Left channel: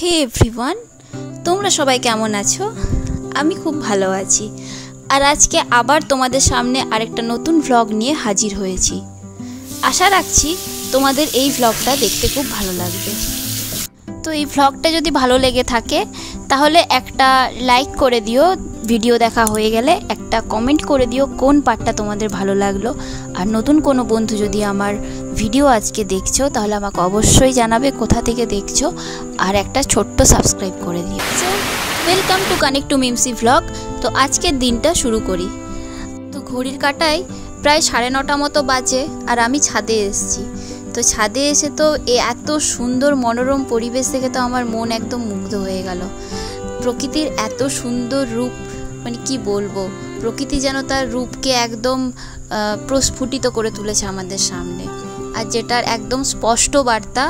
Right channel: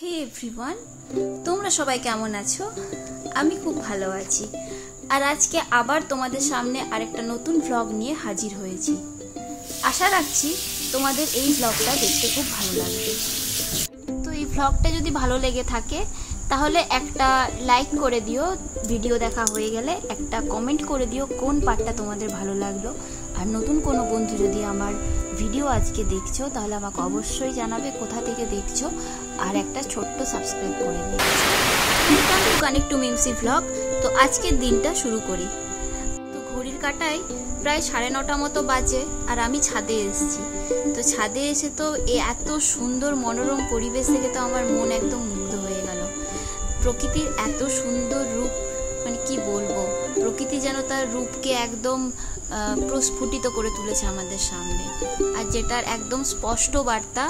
হে everyone, তোমরা সবাই কেমন আছো? আমি খুব ভালো আছি। আর আজকে আবার তোমাদের সামনে আরেকটা নতুন ভ্লগ নিয়ে হাজির হয়েছি। আশা রাখছি তোমাদের এই ভ্লগটা দেখতে খুব ভালো লাগবে। তো এই ভ্লগটা যদি ভালো লেগে থাকে তাহলে একটা লাইক করে দিও, ভিডিও দেখা হয়ে গেলে একটা কমেন্ট করে দিও কোন পার্টটা তোমাদের ভালো লাগলো। আর নতুন কোনো বন্ধু যদি আমার ভিডিও আজকে দেখছো তাহলে আমাকে অবশ্যই জানাবে কোথা থেকে দেখছো, আর একটা ছোট্ট সাবস্ক্রাইব করে দিও। ওয়েলকাম টু কানেক্ট টু মিমসি ভ্লগ। তো আজকের দিনটা শুরু করি। তো ঘড়ির কাঁটায় প্রায় 9:30 মতো বাজে আর আমি ছাদে এসেছি। তো ছাদে এসে তো এত সুন্দর মনোরম পরিবেশ দেখে তো আমার মন একদম মুগ্ধ হয়ে গেল। প্রকৃতির এত সুন্দর রূপ, মানে কি বলবো, প্রকৃতি যেন তার রূপকে একদম প্রস্ফুটিত করে তুলেছে আমাদের সামনে। আর যেটার একদম স্পষ্ট বার্তা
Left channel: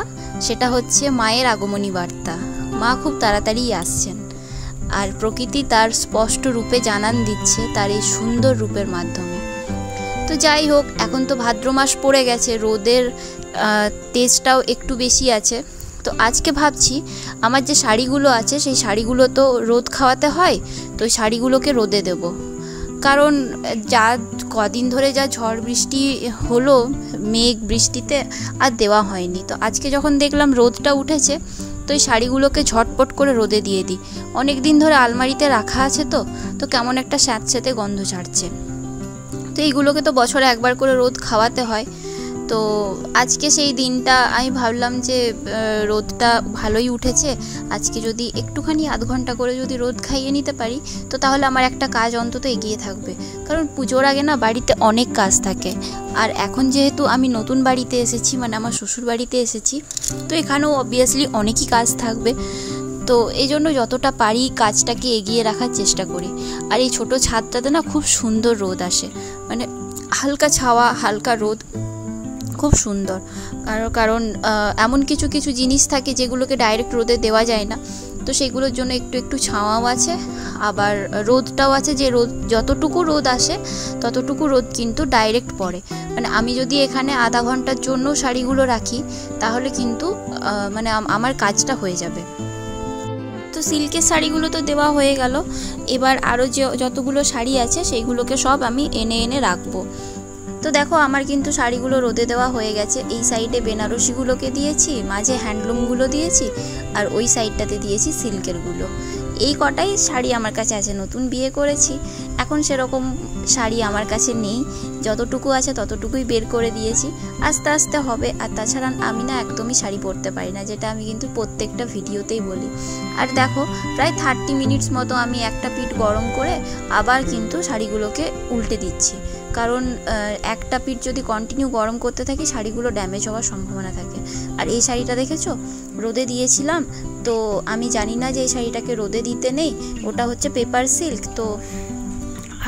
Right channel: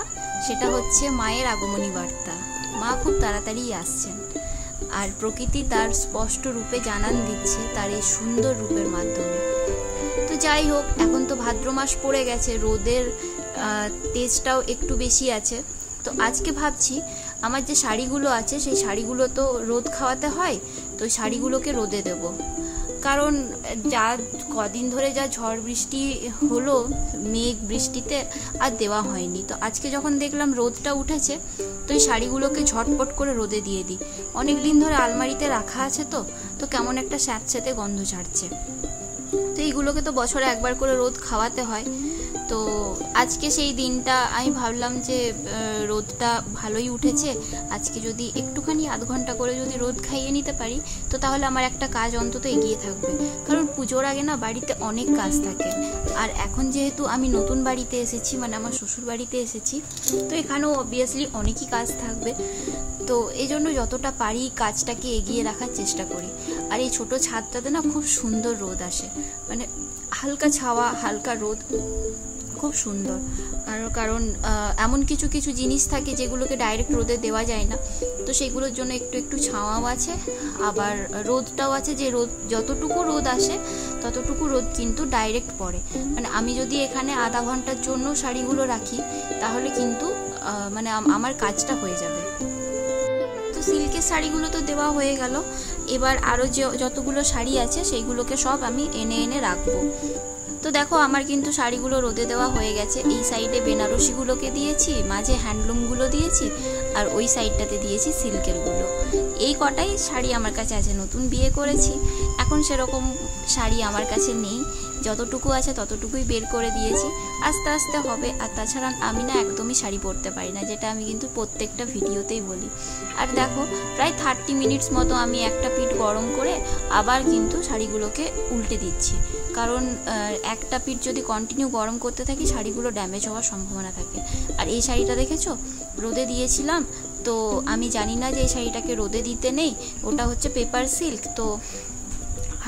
সেটা হচ্ছে মায়ের আগমনী বার্তা। মা খুব তাড়াতাড়ি আসছেন আর প্রকৃতি তার স্পষ্ট রূপে জানান দিচ্ছে তার এই সুন্দর রূপের মাধ্যমে। তো যাই হোক, এখন তো ভাদ্র মাস পড়ে গেছে, রোদের তেজটাও একটু বেশি আছে। তো আজকে ভাবছি আমার যে শাড়িগুলো আছে সেই শাড়িগুলো তো রোদ খাওয়াতে হয়, তো শাড়িগুলোকে রোদে দেব। কারণ যা কদিন ধরে যা ঝড় বৃষ্টি হলো মেঘ বৃষ্টিতে আর দেওয়া হয়নি। তো আজকে যখন দেখলাম রোদটা উঠেছে তো এই শাড়িগুলোকে ঝটপট করে রোদে দিয়ে দিই। অনেক দিন ধরে আলমারিতে রাখা আছে তো কেমন একটা স্যাঁতস্যাঁতে গন্ধ ছাড়ছে। তো এইগুলোকে তো বছরে একবার করে রোদ খাওয়াতে হয়। তো আজকে সেই দিনটা আমি ভাবলাম যে রোদটা ভালোই উঠেছে, আজকে যদি একটুখানি আধ ঘন্টা করে যদি রোদ খাইয়ে নিতে পারি তো তাহলে আমার একটা কাজ অন্তত এগিয়ে থাকবে। কারণ পুজোর আগে না বাড়িতে অনেক কাজ থাকে। আর এখন যেহেতু আমি নতুন বাড়িতে এসেছি, মানে আমার শ্বশুর বাড়িতে এসেছি, তো এখানেও অবভিয়াসলি অনেকই কাজ থাকবে। তো এই জন্য যতটা পারি কাজটাকে এগিয়ে রাখার চেষ্টা করি। আর এই ছোটো ছাদটাতে না খুব সুন্দর রোদ আসে, মানে হালকা ছাওয়া হালকা রোদ, খুব সুন্দর। কারণ এমন কিছু কিছু জিনিস থাকে যেগুলোকে ডাইরেক্ট রোদে দেওয়া যায় না, তো সেগুলোর জন্য একটু একটু ছাওয়াও আছে, আবার রোদটাও আছে। যে রোদ যতটুকু রোদ আসে ততটুকু রোদ কিন্তু ডাইরেক্ট পড়ে। মানে আমি যদি এখানে আধা ঘন্টার জন্য শাড়িগুলো রাখি তাহলে কিন্তু মানে আমার কাজটা হয়ে যাবে। তো সিল্কের শাড়িগুলো তো দেওয়া হয়ে গেল, এবার আরও যতগুলো শাড়ি আছে সেইগুলোকে সব আমি এনে এনে রাখবো। তো দেখো আমার কিন্তু শাড়িগুলো রোদে দেওয়া হয়ে গেছে। এই সাইডে বেনারসিগুলোকে দিয়েছি, মাঝে হ্যান্ডলুমগুলো দিয়েছি, আর ওই সাইডটাতে দিয়েছি সিল্কেরগুলো। এই কটাই শাড়ি আমার কাছে আছে। নতুন বিয়ে করেছি, এখন সেরকম শাড়ি আমার কাছে নেই, যতটুকু আছে ততটুকুই বের করে দিয়েছি। আস্তে আস্তে হবে। আর তাছাড়া আমি না একদমই শাড়ি পরতে পারি না, যেটা আমি কিন্তু প্রত্যেকটা ভিডিওতেই বলি। আর দেখো প্রায় 30 মিনিটস মতো আমি একটা পিঠ গরম করে আবার কিন্তু শাড়িগুলোকে উল্টে দিচ্ছি। কারণ একটা পিঠ যদি কন্টিনিউ গরম করতে থাকি শাড়িগুলো ড্যামেজ হওয়ার সম্ভাবনা থাকে। আর এই শাড়িটা দেখেছো রোদে দিয়েছিলাম, তো আমি জানি না যে এই শাড়িটাকে রোদে দিতে নেই, ওটা হচ্ছে পেপার সিল্ক। তো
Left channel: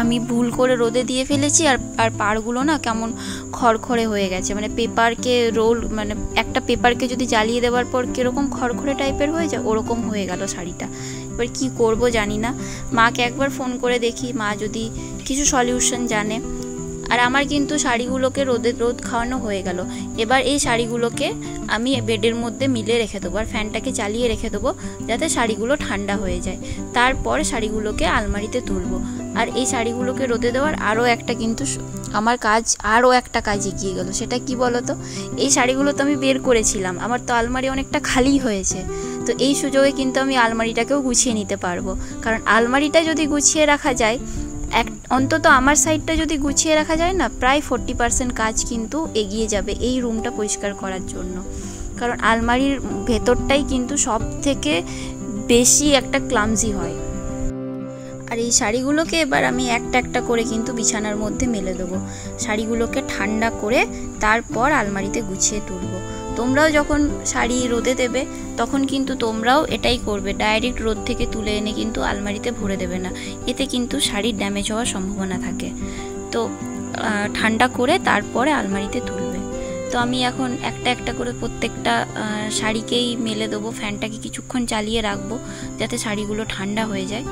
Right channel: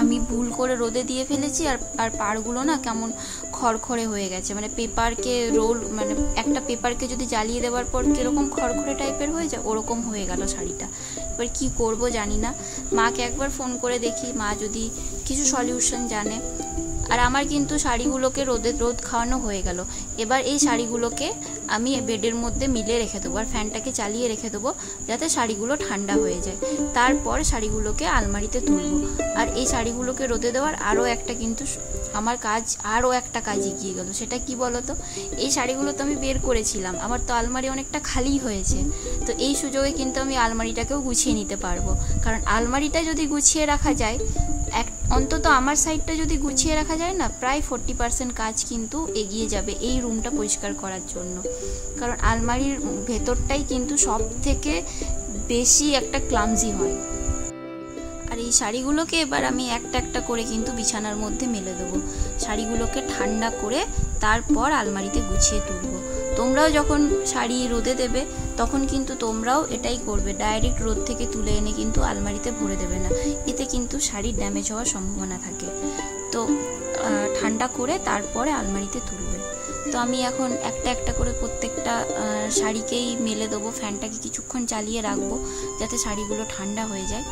আমি ভুল করে রোদে দিয়ে ফেলেছি, আর পাড়গুলো না কেমন খড়খড়ে হয়ে গেছে। মানে পেপারকে রোল, মানে একটা পেপারকে যদি জ্বালিয়ে দেওয়ার পর কীরকম খড়খড়ে টাইপের হয়ে যায় ওরকম হয়ে গেল শাড়িটা। এবার কি করব জানি না, মাকে একবার ফোন করে দেখি, মা যদি কিছু সলিউশন জানে। আর আমার কিন্তু শাড়িগুলোকে রোদ খাওয়ানো হয়ে গেল। এবার এই শাড়িগুলোকে আমি বেডের মধ্যে মিলে রেখে দেবো আর ফ্যানটাকে চালিয়ে রেখে দেবো যাতে শাড়িগুলো ঠান্ডা হয়ে যায়। তারপর শাড়িগুলোকে আলমারিতে তুলবো। আর এই শাড়িগুলোকে রোদে দেওয়ার আরও একটা কিন্তু আমার আরও একটা কাজ এগিয়ে গেল। সেটা কি বলো তো, এই শাড়িগুলো তো আমি বের করেছিলাম, আমার তো আলমারি অনেকটা খালি হয়েছে। তো এই সুযোগে কিন্তু আমি আলমারিটাকেও গুছিয়ে নিতে পারবো। কারণ আলমারিটা যদি গুছিয়ে রাখা যায়, অন্তত আমার সাইডটা যদি গুছিয়ে রাখা যায় না, প্রায় 40% কাজ কিন্তু এগিয়ে যাবে এই রুমটা পরিষ্কার করার জন্য। কারণ আলমারির ভেতরটাই কিন্তু সব থেকে বেশি একটা ক্লামজি হয়। আর এই শাড়িগুলোকে এবার আমি একটা একটা করে কিন্তু বিছানার মধ্যে মেলে দেবো। শাড়িগুলোকে ঠান্ডা করে তারপর আলমারিতে গুছিয়ে তুলবো। তোমরাও যখন শাড়ি রোদে দেবে তখন কিন্তু তোমরাও এটাই করবে, ডাইরেক্ট রোদ থেকে তুলে এনে কিন্তু আলমারিতে ভরে দেবে না, এতে কিন্তু শাড়ির ড্যামেজ হওয়ার সম্ভাবনা থাকে। তো ঠান্ডা করে তারপরে আলমারিতে তুলবে। তো আমি এখন একটা একটা করে প্রত্যেকটা শাড়িকেই মেলে দেবো, ফ্যানটাকে কিছুক্ষণ চালিয়ে রাখবো যাতে শাড়িগুলো ঠান্ডা হয়ে যায়।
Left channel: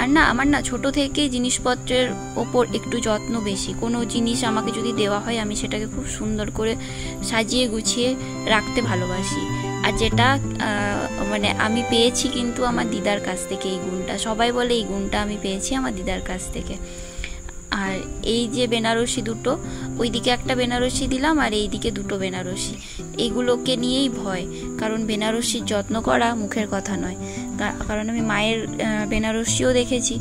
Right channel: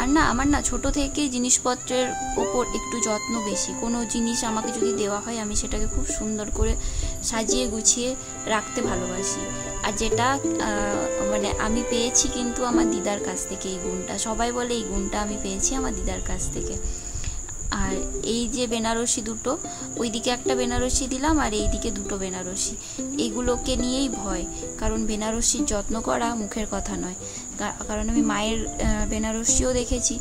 আর না, আমার না ছোট থেকেই জিনিসপত্রের ওপর একটু যত্ন বেশি। কোনো জিনিস আমাকে যদি দেওয়া হয় আমি সেটাকে খুব সুন্দর করে সাজিয়ে গুছিয়ে রাখতে ভালোবাসি। আর যেটা মানে আমি পেয়েছি কিন্তু আমার দিদার কাছ থেকে এই গুণটা, সবাই বলে এই গুণটা আমি পেয়েছি আমার দিদার কাছ থেকে। আর এই যে বেনারসি দুটো, ওইদিকে একটা বেনারসি দিলাম আর এইদিকে দুটো বেনারসি, এইগুলোকে নিয়েই ভয়, কারণ বেনারসির যত্ন করা মুখের কথা নয়। কারণ আমি মায়ের বেনারসিও দেখেছি,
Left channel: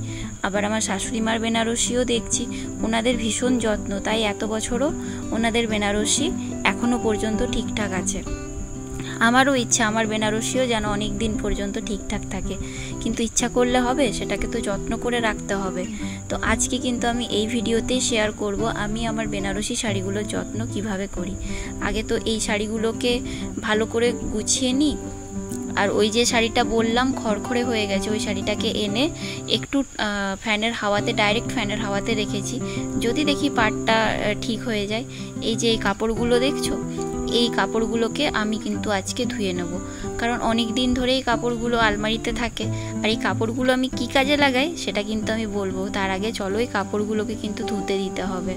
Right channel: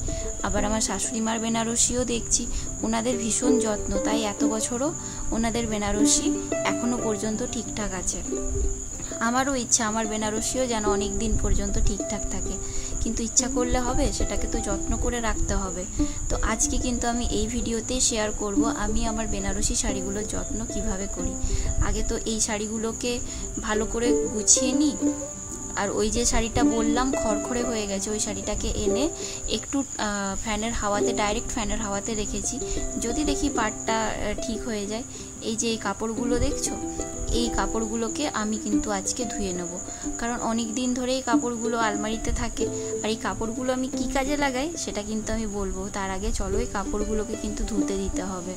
আবার আমার শাশুড়ি মার বেনারসিও দেখছি, ওনাদের ভীষণ যত্ন, তাই এত বছরও ওনাদের বেনারসি এখনো পর্যন্ত ঠিকঠাক আছে। আমারও ইচ্ছা আমার বেনারসিও যেন অনেক দিন পর্যন্ত ঠিকঠাক থাকে, কিন্তু ইচ্ছা করলে হবে, সেটাকে তো যত্ন করে রাখতে হবে। তো আজকে কিন্তু আমি এই ভিডিওতেই শেয়ার করব আমি আমার বেনারসি শাড়িগুলোর যত্ন কিভাবে করি। আগে তো এই শাড়িগুলোকে ভালো করে গুছিয়ে নিই। আর ওই যে শাড়িটা বললাম খড়খড়ে হয়ে গেছে, ওই শাড়িটাকে এনে একটু ফ্যানের হাওয়াতে, ডাইরেক্ট ফ্যানের হাওয়াতে রেখেছি, যদি দেখি পাটটা ঠিক হয়ে যায়। এই যে এই কাপড়গুলো দেখছো, এই কাপড়গুলোকে আমি কিন্তু আজকে ধুয়ে নেব, কারণ অনেক দিন ধরে এই কাপড়গুলো আলমারিতে থাকে। আর এই কাপড়গুলো আমি কি কাজে লাগাই সেটা কিন্তু আমি বলবো, তার আগে চলো এই কাপড়গুলোকে কিন্তু ধুতে দিতে হবে।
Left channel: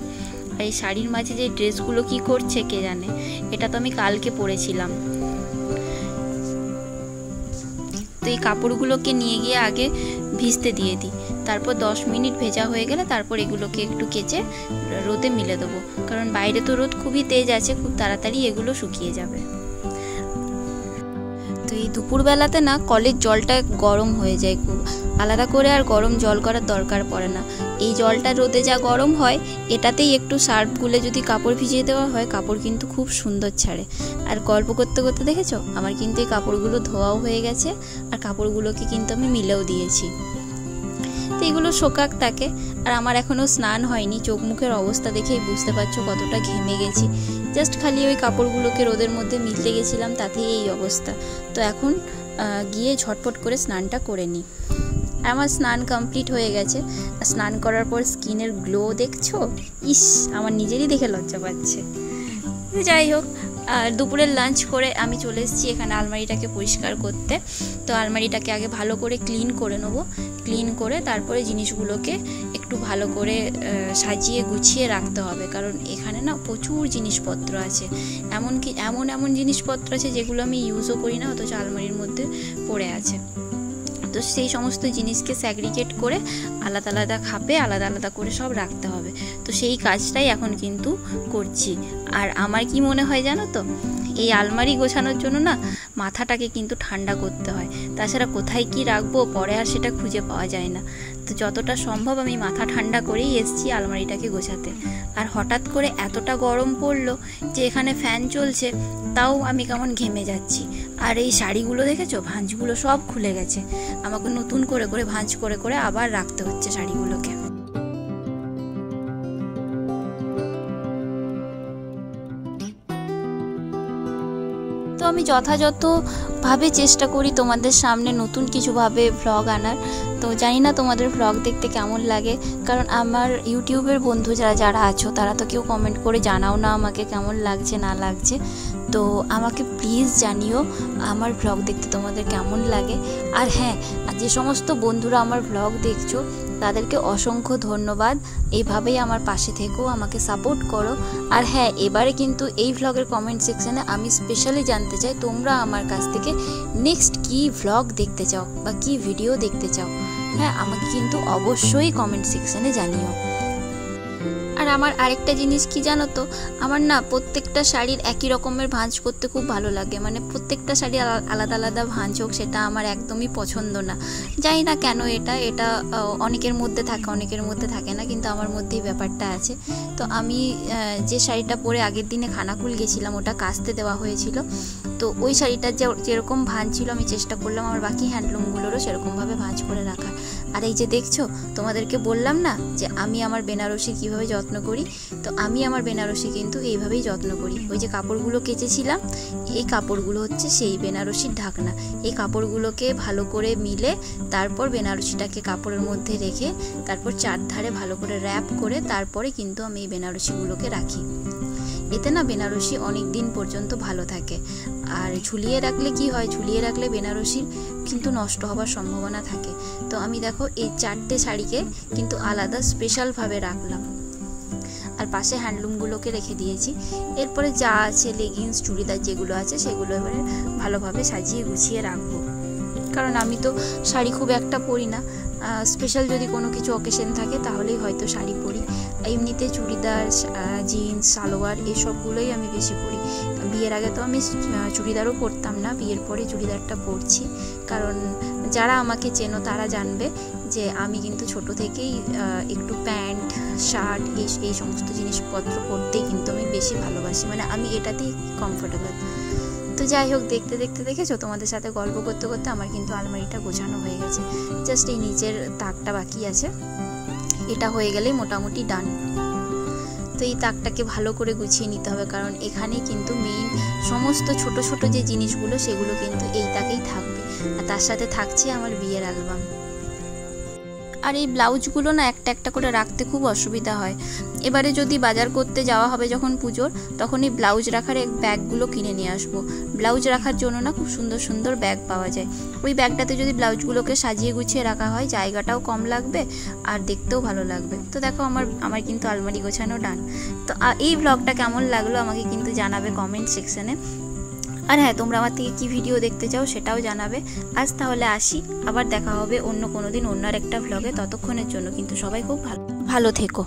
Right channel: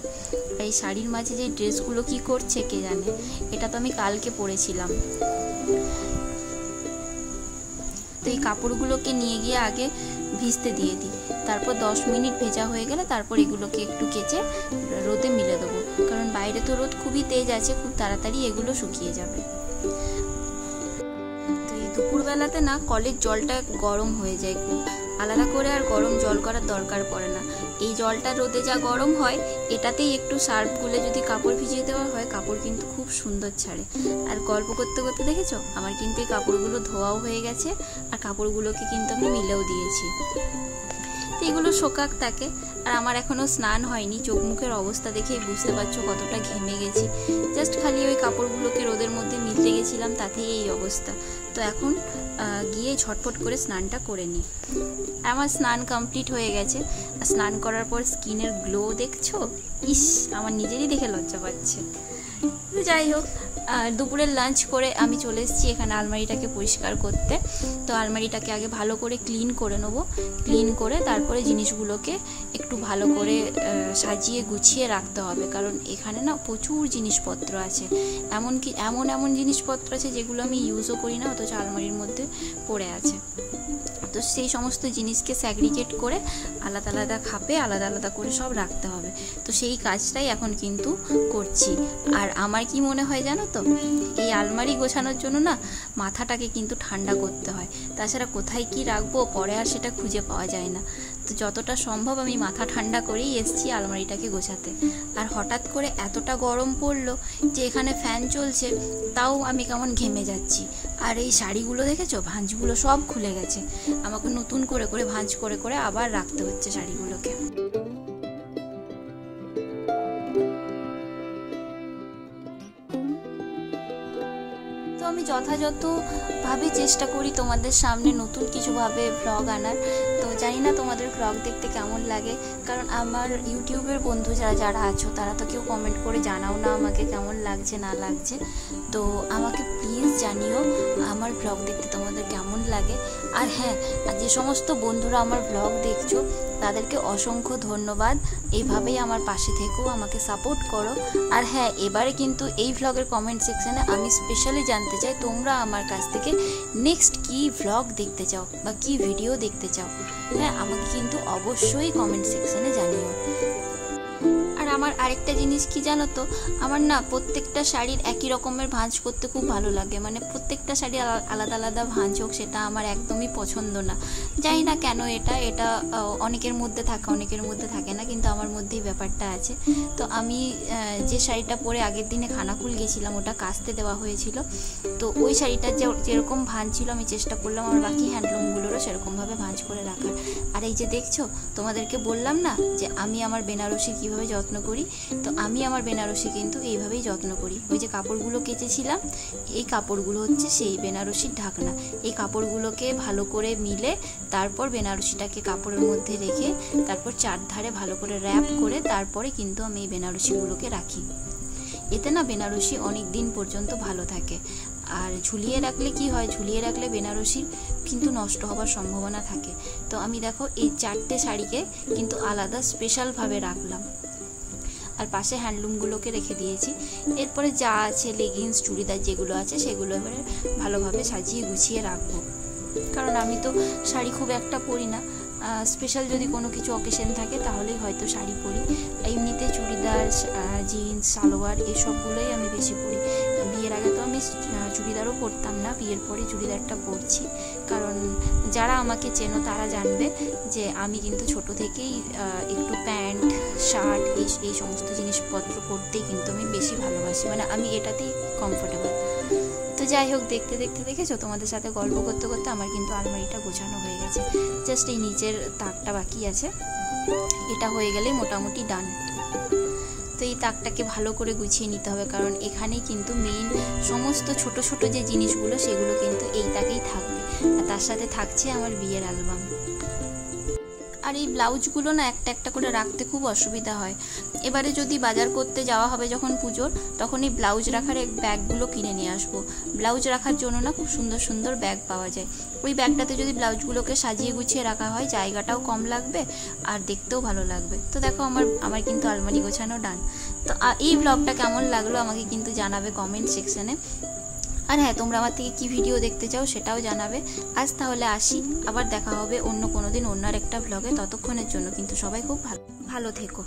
আর এই শাড়ির মাঝে যে ড্রেসগুলো কি করছে কে জানে, এটা তো আমি কালকে পরেছিলাম। তো এই কাপড়গুলোকে নিয়ে গিয়ে আগে ভিজতে দিয়ে দিই, তারপর 10 মিনিট ভেজা হয়ে গেলে তারপর এগুলোকে একটু কেচে রোদে মিলে দেবো, কারণ বাইরে তো রোদ খুবই তেজ আছে, খুব তাড়াতাড়ি এগুলো শুকিয়ে যাবে। তো এই দুপুরবেলাতে না কলের জলটা গরম হয়ে যায় খুব, আলাদা করে আর গরম জল করার দরকার পড়ে না। এই জলটা রোদে যা গরম হয়, এটাতেই একটু সার্ফ গুলে যদি কাপড় ভিজিয়ে দেওয়া হয়, কাপড় কিন্তু খুব সুন্দর ছাড়ে। আর গল্প করতে করতে দেখেছো আমার কিন্তু এই কাপড়গুলো ধোয়াও হয়ে গেছে, আর কাপড়গুলোকে কিন্তু আমি মিলেও দিয়েছি। তো এগুলো শোকাক থাকে। আর আমার এখনও স্নান হয়নি, চোখ মুখের অবস্থা দেখেই বুঝতে পারছো কতটা ঘেমে গেছি। জাস্ট খালি ওই কাপড়গুলোকে রোদের মধ্যে মিলতে গেছিলাম, তাতেই এই অবস্থা। তো এখন গিয়ে ঝটপট করে স্নানটা করে নিই। আমার স্নান কমপ্লিট হয়ে গেছে, আর স্নান করার পর স্কিনের গ্লো দেখছো, ইস আমার নিজেরই দেখে লজ্জা পাচ্ছে। যাই হোক, আর দুপুরের লাঞ্চ করে আমি চলে এসেছি এখানে আলমারিটাকে পরিষ্কার করতে। তো আলমারিটাকে আগে ভালো করে ক্লিন করে নেবো, ক্লিন করে তারপরে জিনিসগুলোকে একটু ভালো করে সাজিয়ে গুছিয়ে রাখতে হবে, কারণ এখানে না প্রচুর জিনিসপত্র আছে, এমনকি এমন জিনিসপত্র আছে যেগুলো আমি ইউজও করি না, অথচ আলমারির মধ্যে পড়ে আছে। তো সেই সমস্ত জিনিসকে স্যাগ্রিগেট করে আলাদা আলাদা খাপে আলাদা আলাদা করে সব রাখতে হবে। তো সেই কাজটাই এখন কিন্তু করছি। আর আমার কি মনে হয় জানো তো, এই আলমারি গোছানোর জন্য না মাথাটাকে কিন্তু ঠান্ডা করতে হয়, তাছাড়া কোথায় কি রাখবো পরে আর সেটা খুঁজে পাওয়া যায় না। তো যতটা সম্ভব আমি মাথা ঠান্ডা করেই এসেছি আলমারিটাকে গোছাতে। আর হঠাৎ করে এতটা গরম পড়লো যে এখানে ফ্যান চলছে, তাও আমি কেমন ঘেমে যাচ্ছি। আর এই শাড়িগুলো দেখেছো, ভাঁজগুলো সব খুলে গেছে, আমাকে নতুন করে করে ভাঁজ করে করে আবার রাখতে হচ্ছে শাড়িগুলোকে। তো আমি যথাযথভাবে চেষ্টা করি তোমাদের সামনে নতুন কিছুভাবে ভ্লগ আনার। তো জানি না তোমাদের ভ্লগ দেখতে কেমন লাগে, কারণ আমার ইউটিউবের বন্ধু যারা আছো তারা তো কেউ কমেন্ট করে জানাও না আমাকে কেমন লাগছে না লাগছে। তো আমাকে প্লিজ জানিও আমার ভ্লগ দেখতে তোমাদের কেমন লাগে। আর হ্যাঁ, যে সমস্ত বন্ধুরা আমার ভ্লগ দেখছো তাদেরকে অসংখ্য ধন্যবাদ, এইভাবেই আমার পাশে থেকো, আমাকে সাপোর্ট করো। আর হ্যাঁ, এবারে কিন্তু এই ভ্লগের কমেন্ট সেকশনে আমি স্পেশালি জানতে চাই তোমরা আমার কাছ থেকে নেক্সট কি ভ্লগ দেখতে চাও বা কি ভিডিও দেখতে চাও। হ্যাঁ, আমাকে কিন্তু অবশ্যই কমেন্ট সেকশনে জানিও। আর আমার আরেকটা জিনিস কি জানো তো, আমার না প্রত্যেকটা শাড়ির একই রকমের ভাঁজ করতে খুব ভালো লাগে, মানে প্রত্যেকটা শাড়ি আলাদা আলাদা ভাঁজ হোক, সেটা আমার একদমই পছন্দ না। জানি না কেন, এটা অনেকের মধ্যে থাকে অনেকের মধ্যে থাকে না, কিন্তু আমার মধ্যেই ব্যাপারটা আছে। তো আমি যে শাড়িটা পরে আগের দিনে খানাকুল গেছিলাম, ওটা কাচতে দেওয়া হয়েছিল। তো ওই শাড়িটার যেরকম ভাঁজ ছিল আমি চেষ্টা করলাম আমার বাকি হ্যান্ডলুমগুলোরও সেরকমভাবে ভাঁজ করে রাখার। আর এই যে দেখছো, তোমাদেরকে বললাম না যে আমি আমার বেনারসি কীভাবে যত্ন করি, তো আমি আমার বেনারসি কিন্তু এইভাবেই যত্ন করি। ওই যে কাপড়গুলো কেচেছিলাম, এই কাপড়গুলো হচ্ছে সেই বেনারসির ঢাকনা। এই কাপড়গুলোকে ভালো করে মিলে তারপর বেনারসিটাকে কাপড়ের মধ্যে রেখে তারপর চারধারে ভালো করে র্যাপ করে তারপরে কিন্তু আমি এই বেনারসিগুলোকে রাখি। এতে না বেনারসি অনেক দিন পর্যন্ত ভালো থাকে। আর ঝুলিয়ে রাখলে কি হয়, ঝুলিয়ে রাখলে বেনারসি কিন্তু নষ্ট হওয়ার সম্ভাবনা থাকে। তো আমি দেখো এই 4টে শাড়িকে কিন্তু আলাদা স্পেশালভাবে রাখলাম, আর পাশে হ্যান্ডলুমগুলোকে রেখে দিয়েছি। এরপরে যা আছে লেগিংস চুড়িদার যেগুলো আছে সেগুলো এবারে ভালোভাবে সাজিয়ে গুছিয়ে রাখবো, কারণ আমি তো শাড়ি খুব একটা পরি না। স্পেশাল যদি কোনো কিছু অকেশন থাকে তাহলেই হয়তো শাড়ি পরি। এমনিতে চুড়িদার, জিন্স, সালোয়ার এসবগুলোই আমি বেশি পরি। বিয়ের আগে তো আমি চুড়িদারও পরতাম না, বিয়ের পরে চুড়িদারটা পরছি, কারণ যারা আমাকে চেনো তারা জানবে যে আমি কিন্তু ছোট থেকেই একটু প্যান্ট, শার্ট এই সমস্ত জিনিসপত্র পরতেই কিন্তু আমি বেশি ভালোবাসি, মানে আমি এটাতেই কমফোর্টেবল। তো যাই হোক, দেখতে দেখতে দেখেছো, তোমাদের সাথে গল্প করতে করতে আমার কিন্তু আলমারিটা গোছানো হয়ে গেছে। জাস্ট এই নিচের তাকটা বাকি আছে, এটা হয়ে গেলেই মোটামুটি ডান। তো এই তাকটাকে ভালো করে গুছিয়ে নিতে হবে, কারণ এখানেই কিন্তু মেইন সমস্ত ছোট ছোট যে জিনিসগুলো সেগুলো কিন্তু এই তাকেই থাকবে, আর তার সাথে থাকছে আমার বিয়ের অ্যালবাম। আর এই ব্লাউজগুলো না একটা একটা করে রাখতে খুব অসুবিধা হয়। এবারে যদি বাজার করতে যাওয়া হবে যখন পুজোর, তখন এই ব্লাউজ রাখার ব্যাগগুলো কিনে নিয়ে আসবো। ব্লাউজ রাখার জন্য না খুব সুন্দর সুন্দর ব্যাগ পাওয়া যায়। ওই ব্যাগটাতে যদি ব্লাউজগুলোকে সাজিয়ে গুছিয়ে রাখা হয়, জায়গাটাও কম লাগবে আর দেখতেও ভালো লাগবে। তো দেখো আমার কিন্তু আলমারি গোছানো ডান। তো এই ব্লগটা কেমন লাগলো আমাকে কিন্তু জানাবে কমেন্ট সেকশনে। আর হ্যাঁ, তোমরা আমার থেকে কি ভিডিও দেখতে চাও সেটাও জানাবে। আজ তাহলে আসি, আবার দেখা হবে অন্য কোনো দিন অন্য একটা ব্লগে। ততক্ষণের জন্য কিন্তু সবাই খুব ভালো থেকো।